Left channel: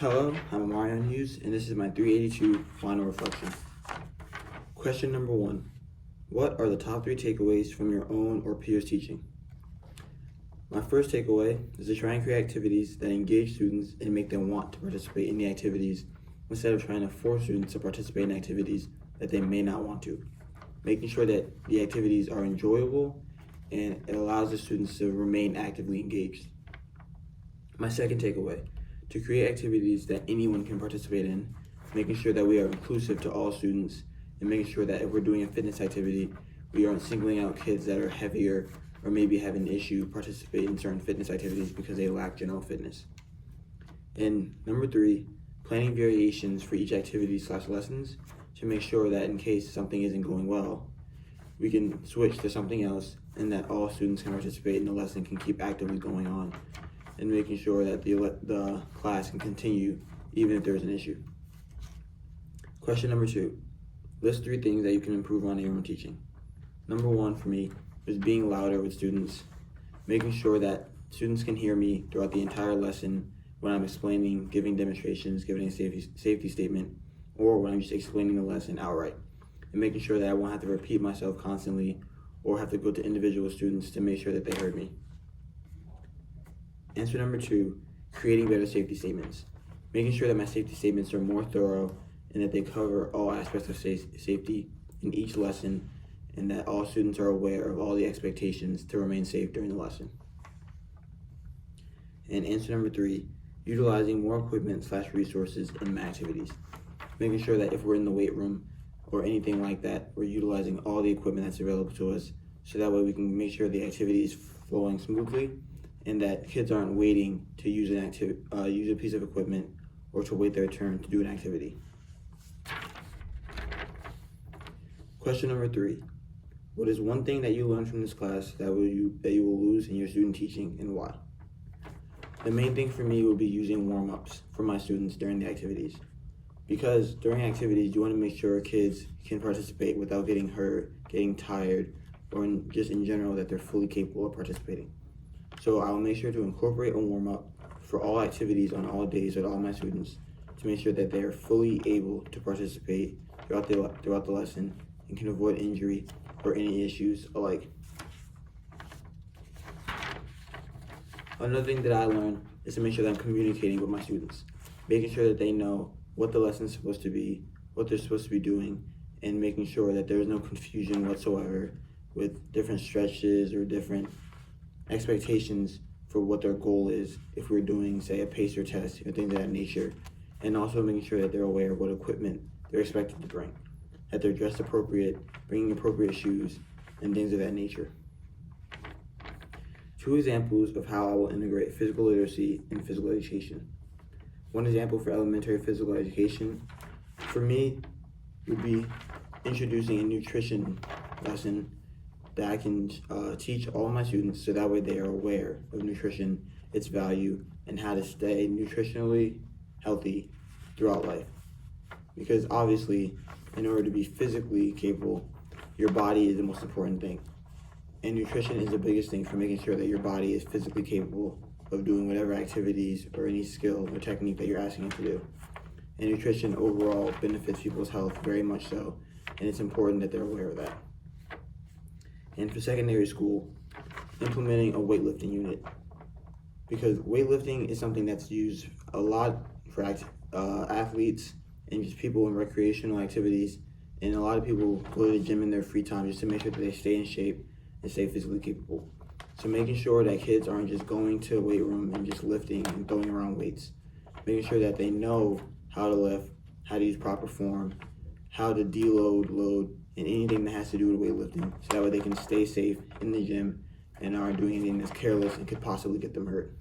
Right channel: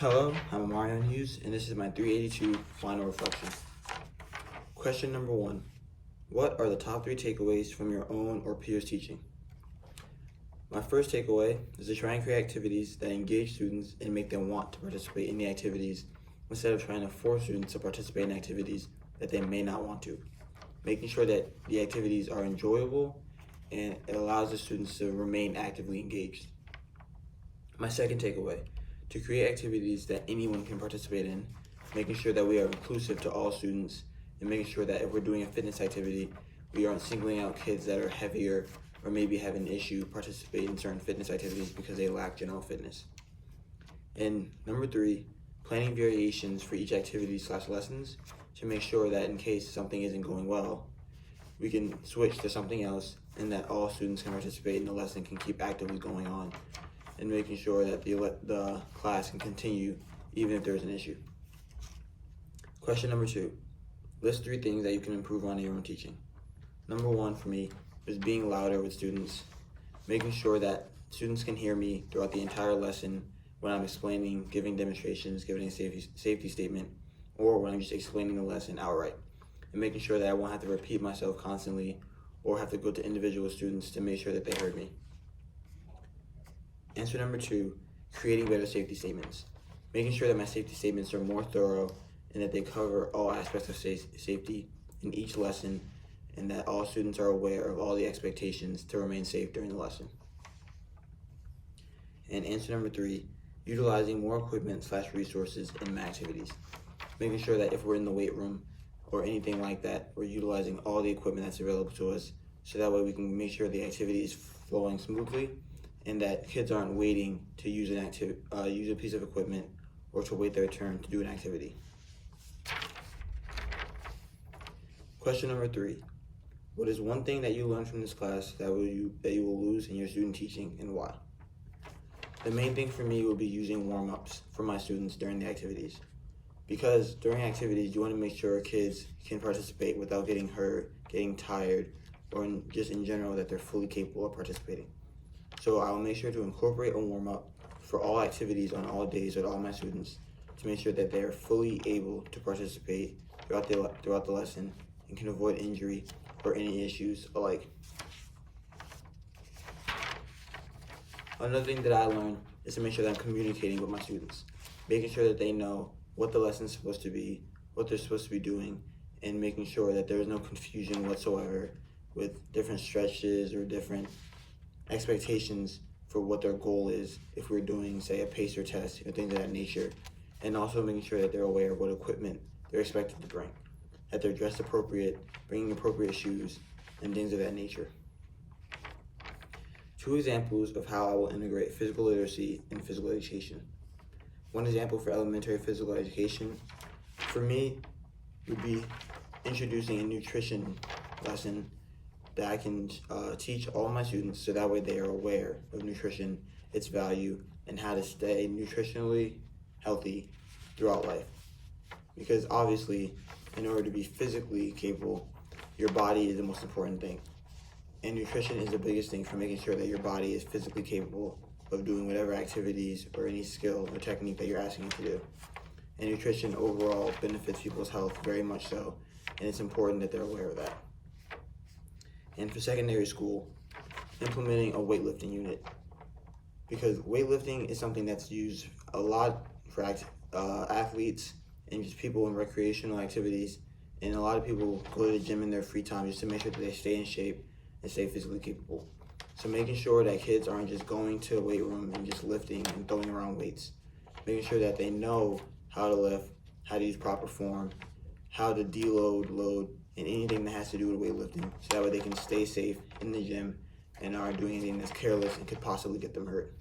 Hello, I'm Marion Hughes, and this is my 382 final reflection. Question number 1. What are the top 3 takeaways from your own or peers' teaching? My first takeaway is to try and create activities that engage students and make them want to participate in the activities instead of trying to force students to participate in activities that they may not want to. Making sure that the activities are enjoyable and it allows the students to remain actively engaged. My second takeaway, to create activities that anyone can participate in, making sure that we are inclusive to all students, and making sure that if we're doing a fitness activity, we aren't singling out kids that are heavier or maybe have an issue participating in certain fitness activities because they lack general fitness. And number 3, planning variations for each activity/lessons to make sure that in case something isn't going well, we can switch to something else and that all students can participate in the lesson can keep actively going on, and making sure that the class can continue even if there's an issue. Question number 2, list 3 things that you can improve on in your own teaching. Number 1 for me is being louder with students, making sure that students can hear me throughout the entire lesson when I'm explaining, giving demonstrations, giving a safety statement, or when I'm just explaining the lesson outright, and making sure that I won't have to repeat myself constantly or have to go to individual students to make sure that they heard me. Answer number 2, creating better safety statements. Making sure that my safety statements are more thorough and that they cover all aspects of safety in each lesson, and that all students are aware of all the expectations to remain safe during the lesson. And answer number 3, utilizing more equipment/resources in my activities. Making sure that if we're in the weight room or anything like that, we're utilizing all the equipment that's available to us, so that way we can make sure the activity is flowing smoothly and that kids aren't waiting to use a piece of equipment or to wait their turn to do an activity. Question number 3, what is one thing that you learned from this class that you will lose in your student teaching, and why? The main thing for me will be using warm-ups for my students during the activities, because during activities you want to make sure kids can participate without getting hurt, getting tired, or just in general that they're fully capable of participating. So I'll make sure to incorporate a warm-up for all activities on all days with all my students to make sure that they are fully able to participate throughout the lesson and can avoid injury or any issues alike. Another thing that I learned is to make sure that I'm communicating with my students, making sure that they know what the lesson is supposed to be, what they're supposed to be doing, and making sure that there is no confusion whatsoever with different stretches or different expectations for what their goal is if we're doing, say, a pacer test or things of that nature, and also making sure that they're aware of what equipment they're expected to bring, that they're dressed appropriate, bringing appropriate shoes, and things of that nature. 2 examples of how I will integrate physical literacy in physical education. One example for elementary physical education, for me, would be introducing a nutrition lesson that I can teach all my students so that way they are aware of nutrition, its value, and how to stay nutritionally healthy throughout life. Because obviously, in order to be physically capable, your body is the most important thing. And nutrition is the biggest thing for making sure that your body is physically capable of doing whatever activities or any skill or technique that you're asking them to do. And nutrition overall benefits people's health very much so, and it's important that they're aware of that. And for secondary school, implementing a weightlifting unit, because weightlifting is something that's used a lot for athletes and just people in recreational activities, and a lot of people go to the gym in their free time just to make sure that they stay in shape and stay physically capable. So making sure that kids aren't just going to a weight room and just lifting and throwing around weights, making sure that they know how to lift, how to use proper form, how to deload, load, and anything that has to do with weightlifting, so that way they can stay safe in the gym and aren't doing anything that's careless and could possibly get them hurt.